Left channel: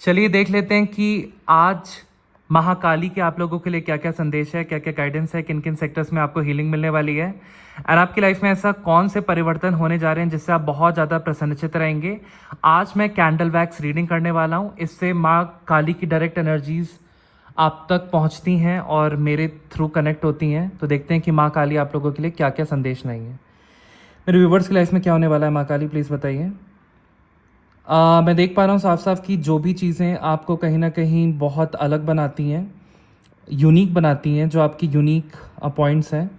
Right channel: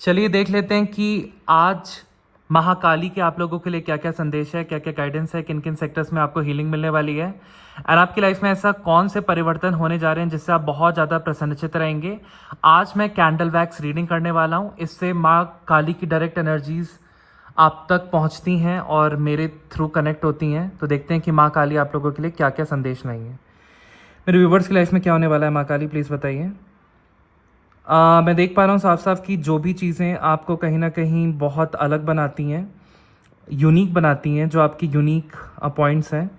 चलिए देख लेते हैं कि आज महाकाली के आप लोगों के लिए क्या क्या संदेश है, क्या क्या गाइडेंस है, किन किन सेक्टर्स में आपको हीलिंग मिलने वाली है एंड आपकी लाइफ में ऐसा कौन से परिवर्तन होने जा रहे हैं जिससे आप बहुत ज्यादा प्रसन्नचित रहेंगे। आज मैं कैंडल वैक्स रीडिंग करने वाला हूं। इससे माँ काली की डायरेक्ट एनर्जीज आप तक पहुंचती हैं और मेरे थ्रू कनेक्ट होती हैं। तो देखते हैं कि माँ काली आप लोगों के लिए क्या क्या संदेश लाई है। मेरे व्यूवर्स की लाइफ में क्या होने वाला है, माँ काली प्लीज बताइए। मैं देख पा रहा हूँ साफ साफ कि जो भी चीज़ें आपको कहीं ना कहीं बहुत अलग बनाती हैं, यूनिक बनाती हैं, जो आपकी यूनिक पॉइंट्स हैं,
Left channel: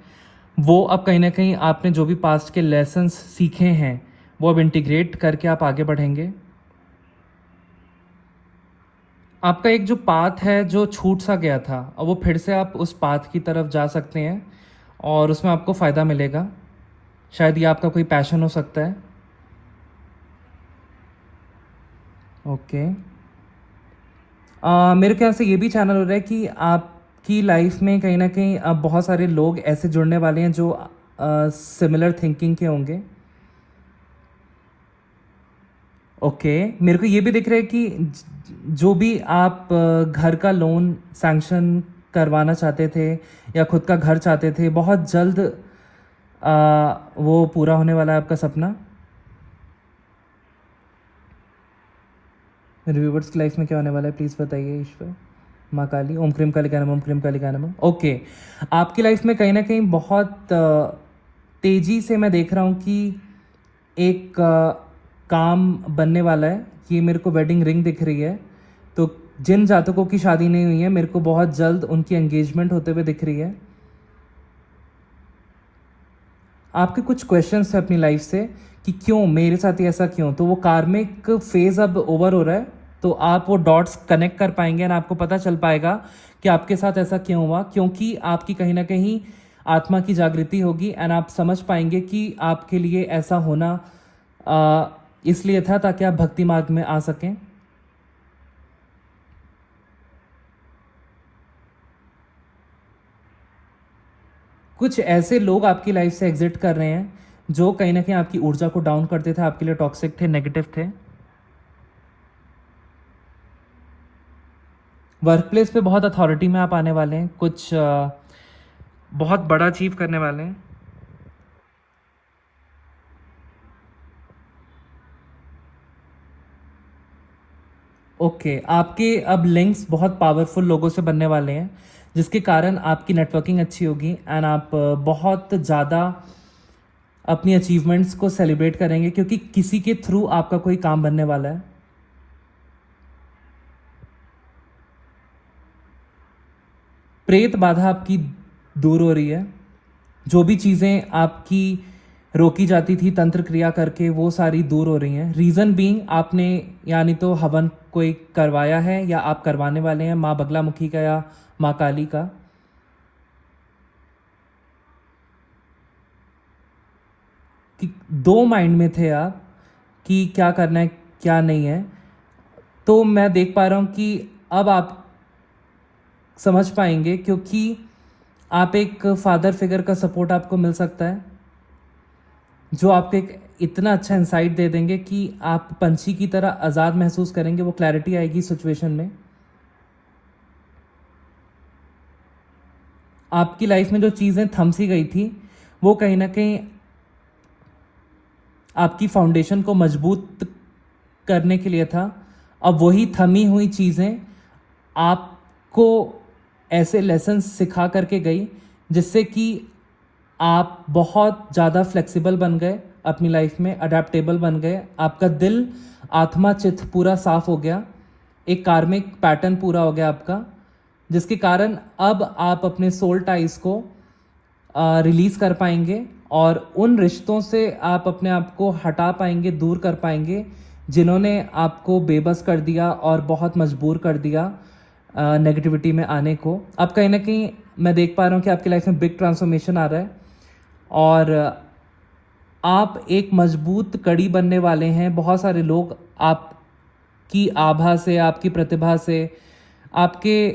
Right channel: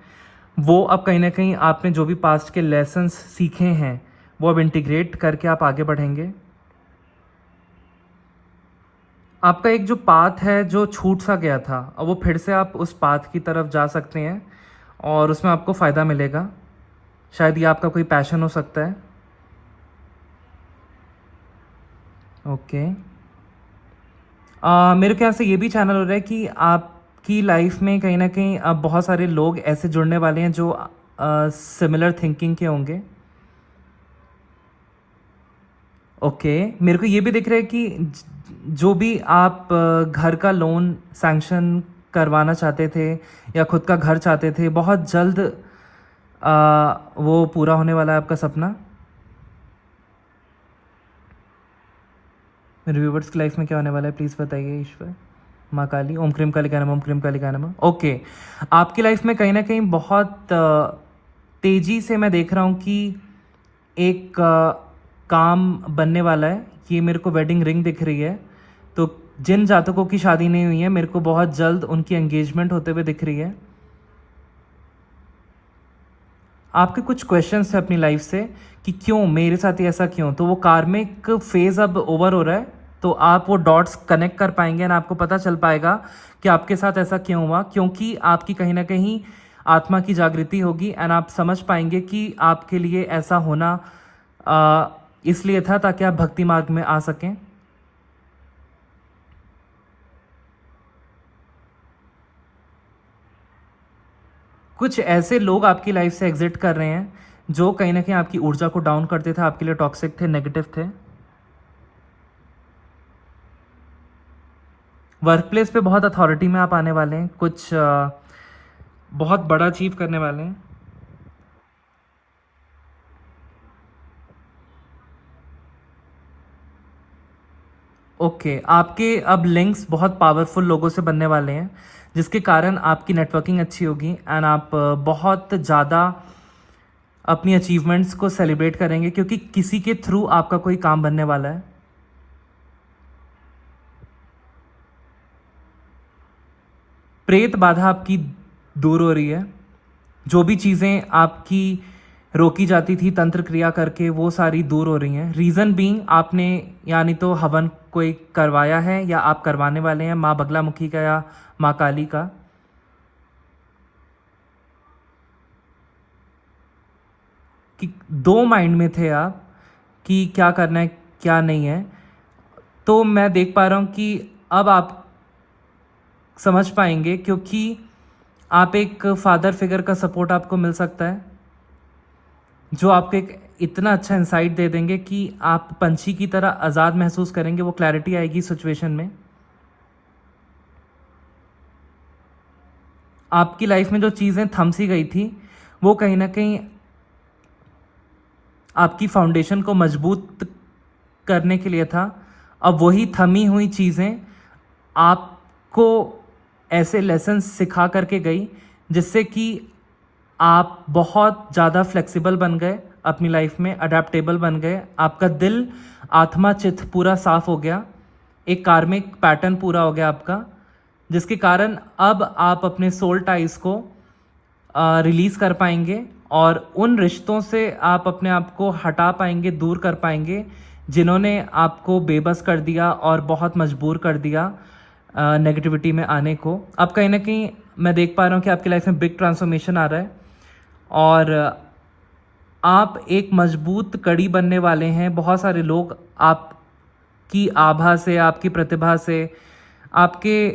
वो अब कहीं ना कहीं आपने जो भी पास्ट के लेसन्स सीखे हैं वो अब इंटीग्रेट करके आप आगे बढ़ेंगे। आपका एक जो पाथ है जो छूट सा गया था, अब वो फिर से आप उस पाथ की तरफ जा सकते हैं और उसमें आपको फ़ायदा मिलेगा। शायद ये आपका कोई पैशन हो सकता है। ओके मेरे ख्याल से ये भी चैनल हो रहा है कि आपकी लाइफ में कहीं ना कहीं अब बहुत सारे लोग ऐसे जुड़ने वाले हैं जो सिमिलर थिंकिंग के होंगे। ओके मेरे को ये भी दिख रहा है कि जो भी आप घर का लोन सैंक्शन करवाना चाहते थे या खुद का घर चाहते थे, बहुत जल्द वो पूरा होने वाला है आपका सपना। मेरे व्यूवर्स की लाइफ में क्या होने वाला है प्लीज़ बताइए। ईश्वर, माँ काली, ओम क्रीम कालिका नमः, ओम क्रीम कालिका नमः। ओके आपकी लाइफ में कहीं ना कहीं बहुत तेजी से मैं देख रहा हूँ कि एक काम बनने वाला है। ये मेरे को वेडिंग रिंग दिख रही है। तो जिन जातकों की शादी नहीं हुई है, मेरे को बहुत जल्द उनकी एंगेजमेंट होते हुए दिख रही है। आपके कुछ क्वेश्चंस है अपनी लाइफ से कि क्यों मेरे साथ ही ऐसा क्यों, तो वो कार्मिक फेज अब ओवर हो रहा है। तो आप वो डॉट्स कनेक्ट कर पाएंगे और आपको पता चल पाएगा कि आपके साथ ऐसा क्यों हुआ, क्योंकि आपकी कहीं ना कहीं आत्मा की जागृति होगी एंड आप समझ पाएंगे कि आपके लिए ऐसा होना इसलिए था ताकि आप भक्ति मार्ग में आ सकें। कुछ ऐसे लोग आपकी लाइफ से एग्जिट कर रहे हैं जो कहीं ना कहीं आपकी ऊर्जा को डाउन करते थे, आपके लिए टॉक्सिक थे, नेगेटिव थे। वर्क प्लेस पे बहुत अथॉरिटी में आप आने वाले हैं, कुछ बहुत बड़ा अचीव करने वाले हैं। ओके आपके अब लिंक्स बहुत पावरफुल लोगों से बनने वाले हैं, जिसके कारण आपकी नेटवर्किंग अच्छी होगी एंड आप बहुत ज़्यादा अपनी अचीवमेंट्स को सेलिब्रेट करेंगे क्योंकि किसी के थ्रू आपका कोई काम बनने वाला है। प्रेत बाधा आपकी दूर हो रही है। जो भी चीज़ें आपकी रोकी जाती थी तंत्र क्रिया करके, वो सारी दूर हो रही हैं। रीज़न बीइंग आपने यानी तो हवन कोई करवाया है या आप करवाने वाले हैं, माँ बगलामुखी का या माँ काली का। कि दो माइंड में थे आप कि क्या करना है क्या नहीं है। तो मैं देख पा रहा हूँ कि अब आप समझ पाएंगे क्योंकि आप एक फादर फिगर का सपोर्ट आपको मिल सकता है जो आपको एक इतना अच्छा इंसाइट दे देंगे कि आप पंछी की तरह आज़ाद महसूस करेंगे। वो क्लैरिटी आएगी सिचुएशन में। आपकी लाइफ में जो चीज़ें थम सी गई थी वो कहीं ना कहीं आपकी फाउंडेशन को मजबूत करने के लिए था। अब वही थमी हुई चीज़ें आपको ऐसे लेसन्स सिखा करके गई जिससे कि आप बहुत ज़्यादा फ्लेक्सिबल बन गए, अपनी लाइफ में अडेप्टेबल बन गए। आपका दिल, आत्मा, चित्त पूरा साफ हो गया। एक कार्मिक पैटर्न पूरा हो गया आपका, जिसके कारण अब आप अपने सोल टाइज को रिलीज कर पाएंगे और उन रिश्तों से आप अपने आप को हटा पाएंगे, दूर कर पाएंगे जिन्होंने आपको बेबस कर दिया और बहुत मजबूर कर दिया नेगेटिविटी में आने को। अब कहीं ना कहीं मैं देख पा रहा हूँ कि आपकी लाइफ में बिग ट्रांसफॉर्मेशन आ रहा है और आप एक मजबूत कड़ी बनने वाले हैं। बहुत सारे लोग आपकी आभा से, आपकी प्रतिभा से, आपके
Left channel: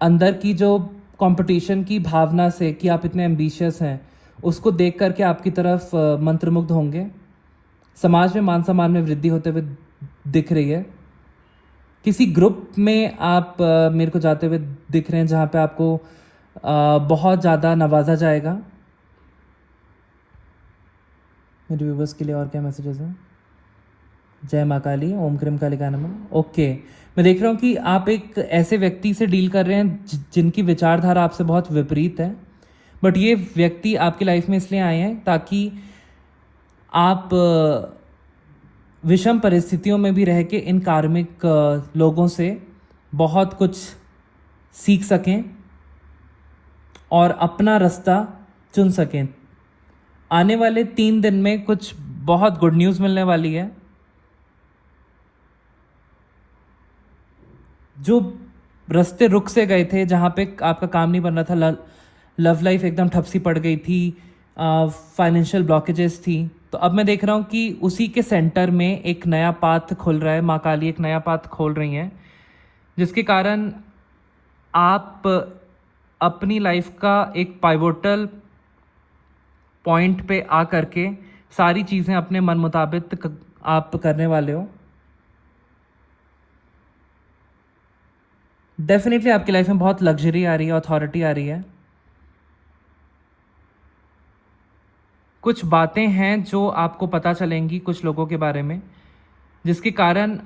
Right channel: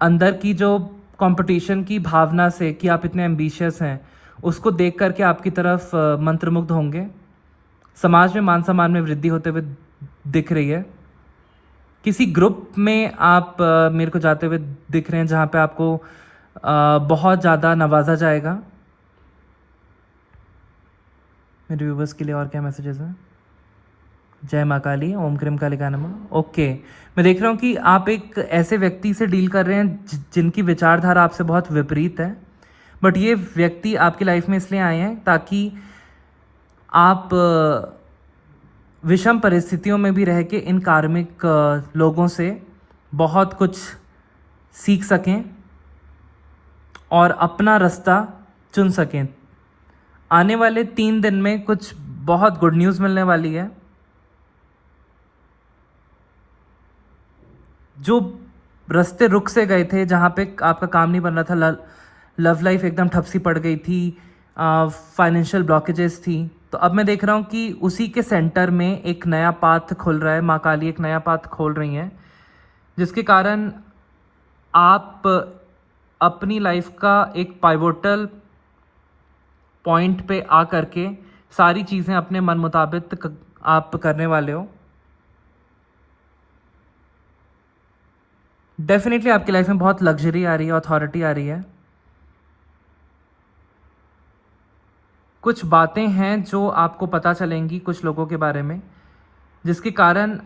अंदर की जो कंपटीशन की भावना से कि आप इतने एम्बिशियस हैं, उसको देख करके आपकी तरफ मंत्रमुग्ध होंगे। समाज में मान सम्मान में वृद्धि होते हुए दिख रही है। किसी ग्रुप में आप मेरे को जाते हुए दिख रहे हैं जहाँ पे आपको बहुत ज़्यादा नवाजा जाएगा। मेरे व्यूवर्स के लिए और क्या मैसेजेस हैं? जय माँ काली, ओम क्रीम काली का नमः। ओके, मैं देख रहा हूँ कि आप एक ऐसे व्यक्ति से डील कर रहे हैं जिनकी विचारधारा आपसे बहुत विपरीत है, बट ये व्यक्ति आपकी लाइफ में इसलिए आए हैं ताकि आप विषम परिस्थितियों में भी रह के इन कार्मिक लोगों से बहुत कुछ सीख सकें और अपना रास्ता चुन सकें। आने वाले 3 दिन में कुछ बहुत गुड न्यूज़ मिलने वाली है। जो रास्ते रुक से गए थे, जहाँ पे आपका काम नहीं बन रहा था, लव लाइफ एकदम ठप सी पड़ गई थी, फाइनेंशियल ब्लॉकेजेस थी, तो अब मैं देख रहा हूँ कि उसी के सेंटर में एक नया पाथ खुल रहा है। माँ काली एक नया पाथ खोल रही हैं, जिसके कारण आप अपनी लाइफ का एक पाइवोटल पॉइंट पे आ करके सारी चीज़ें अपने मन मुताबिक आप करने वाले हो। डेफिनेटली आपकी लाइफ में बहुत लग्जरी आ रही है, अथॉरिटी आ रही है। कुछ बातें हैं जो आपको पता चलेंगी कुछ लोगों के बारे में, जिसके कारण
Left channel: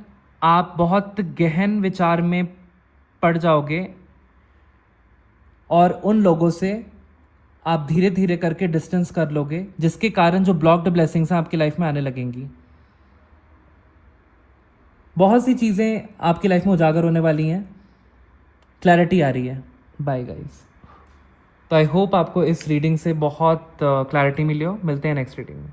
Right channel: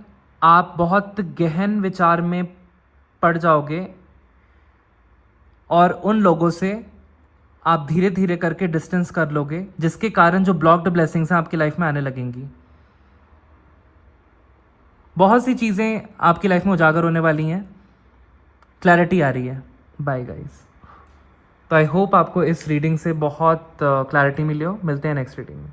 आप बहुत गहन विचार में पड़ जाओगे और उन लोगों से आप धीरे धीरे करके डिस्टेंस कर लोगे, जिसके कारण जो ब्लॉक्ड ब्लेसिंग्स हैं आपकी लाइफ में आने लगेंगी। बहुत सी चीज़ें आपकी लाइफ में उजागर होने वाली हैं, क्लैरिटी आ रही है। Bye guys. तो आई होप आपको इस रीडिंग से बहुत क्लैरिटी मिली हो। मिलते हैं नेक्स्ट रीडिंग में।